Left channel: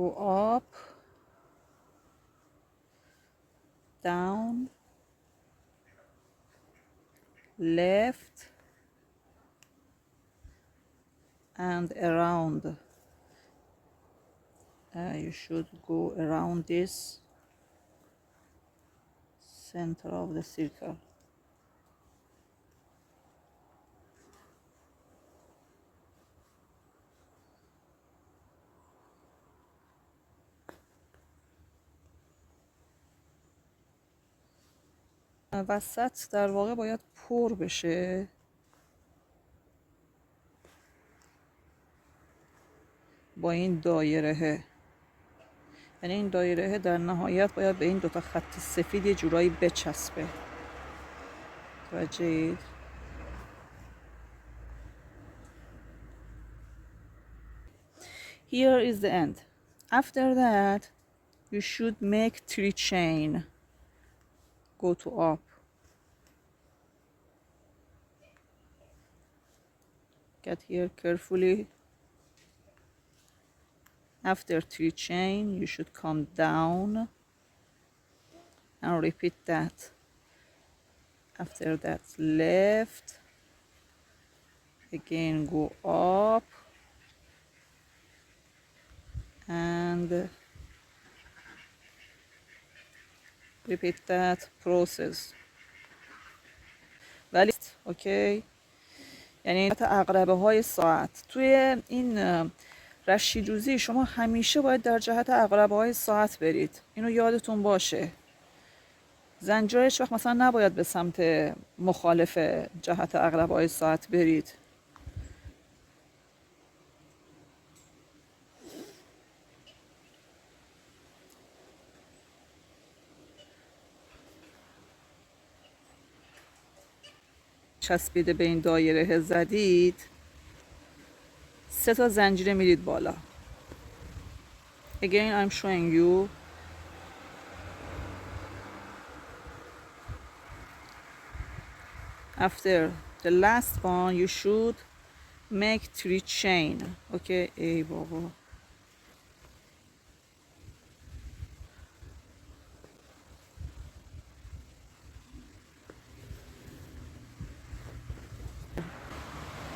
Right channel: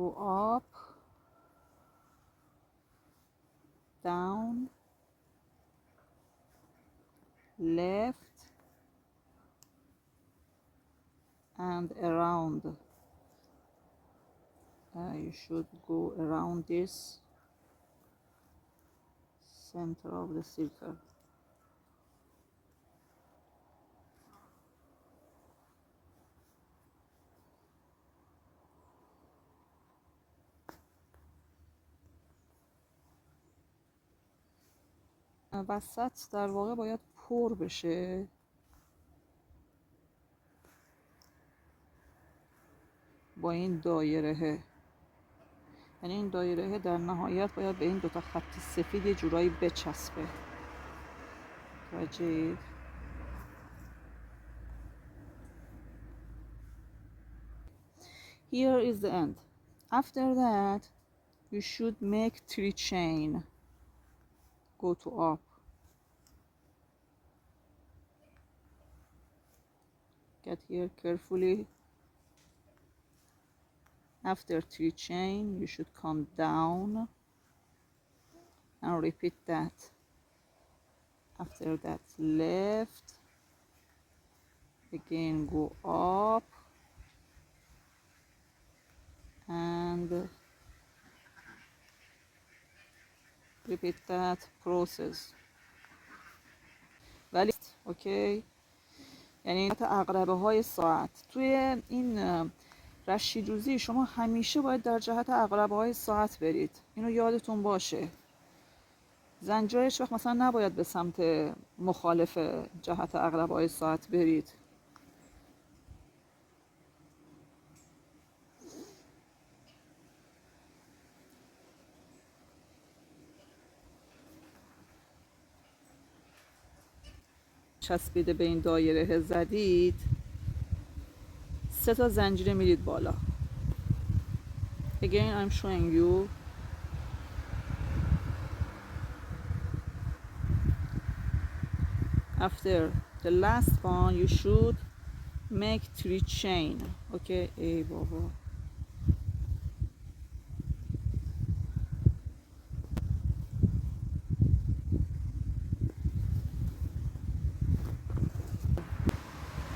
go up, down, left, and around. You should go around this center of the circle. وسط در واقع باید پر بشه. با این دایره، یعنی این دایره در نهایت باید به این دوتا خط سفید یه جورایی بچسبه. توجهید؟ Here is the end. After that you should make 3 chain. Go to up. Get here carefully. After 3 chain you should come down and repeat that. After that left, again go up and repeat that process. ولی اوکی، یعنی عقربه های ساعت توی این رشید روزی شما همیشه باید در جهت عقربه های ساعت برید. اینو یادتون باشه. زنجیر هیچ وقت مثلا نباید به سمت مخالف جهت عقربه های ساعت برید. چسبیده به این دایره زدید، 3 تا زنجیره میرید بالا. Again I'm showing you. After the last one you should make 3 chain. Okay, ای بابا.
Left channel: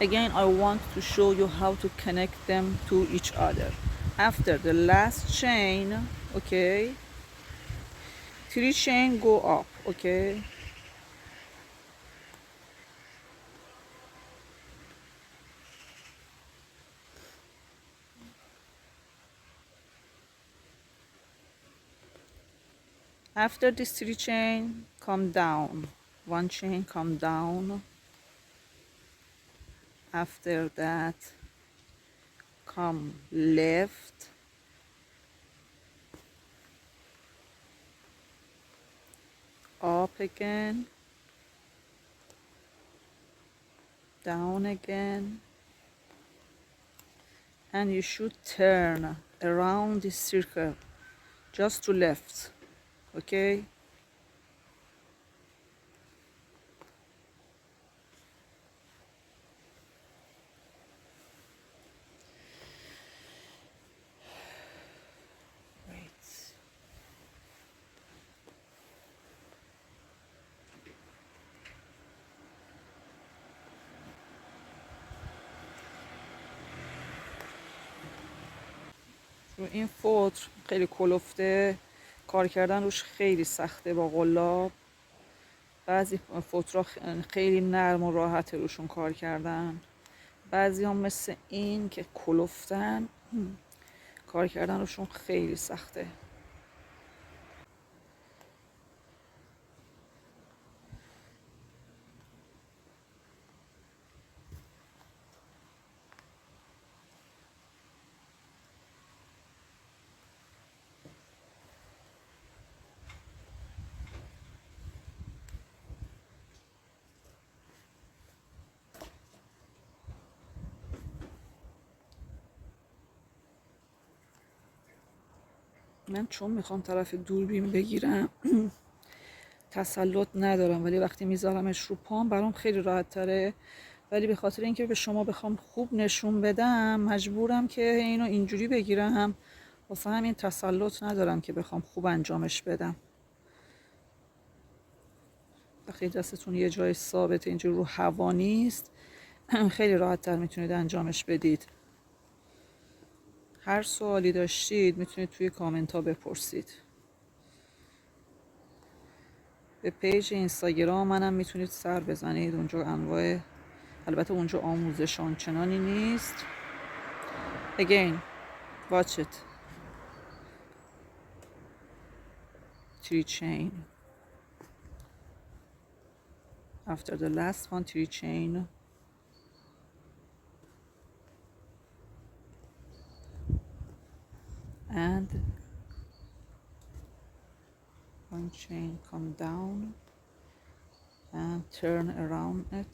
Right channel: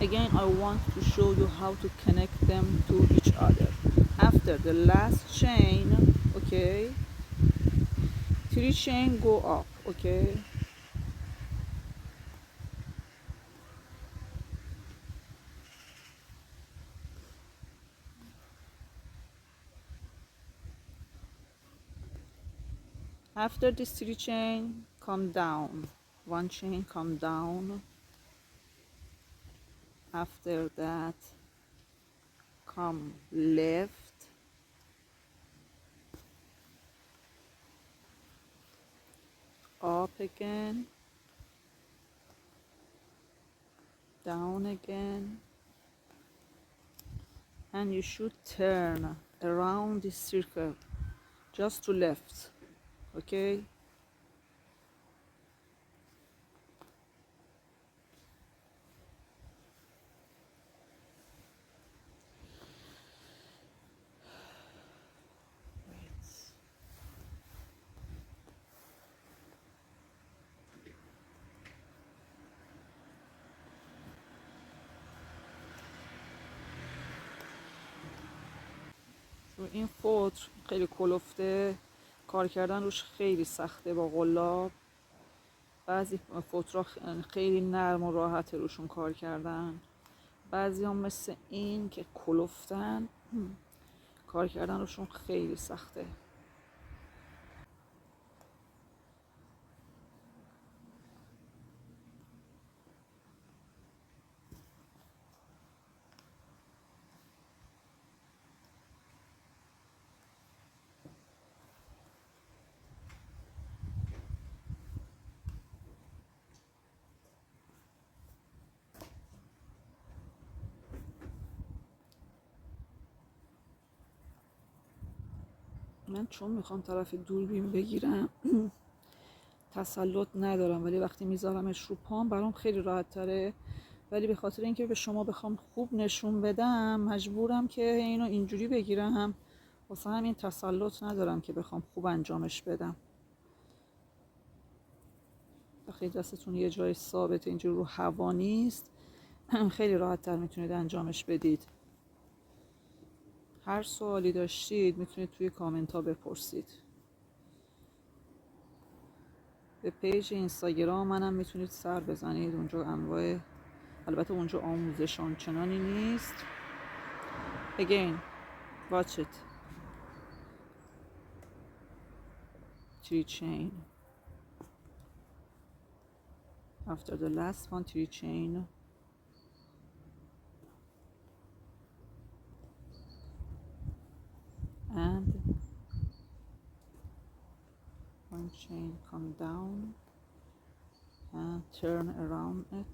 Again I want to show you how to connect them to each other. After the last chain, okay, 3 chain go up, okay. After this 3 chain, come down. 1 chain, come down. After that, come left. Up again. Down again. And you should turn around this circle just to left. Okay. Wait. این فوتر خیلی کلفته، کار کردن روش خیلی سخته با قلاب. بعضی فوترها خیلی نرم و راحته روشون کار کردن، بعضی هم مثل این که کلفتن کار کردن روشون خیلی سخته. من چون میخوام طرف دوربین بگیرم تسلط ندارم، ولی وقتی میذارمش رو پام برام خیلی راحت تره. ولی به خاطر اینکه به شما بخوام خوب نشون بدم مجبورم که اینو اینجوری بگیرم واسه همین تسلط ندارم که بخوام خوب انجامش بدم. وقتی دستتون یه جای ثابت اینجور رو هوا نیست خیلی راحت تر میتونید انجامش بدید. هر سوالی داشتید میتونید توی کامنت ها بپرسید. به پیج اینستاگرام منم میتونید سر بزنید، اونجا انواع، البته اونجا آموزش آنچنانی نیست. Again, watch it. 3 chain. After the last one, 3 chain. And 1 chain come down and turn around it.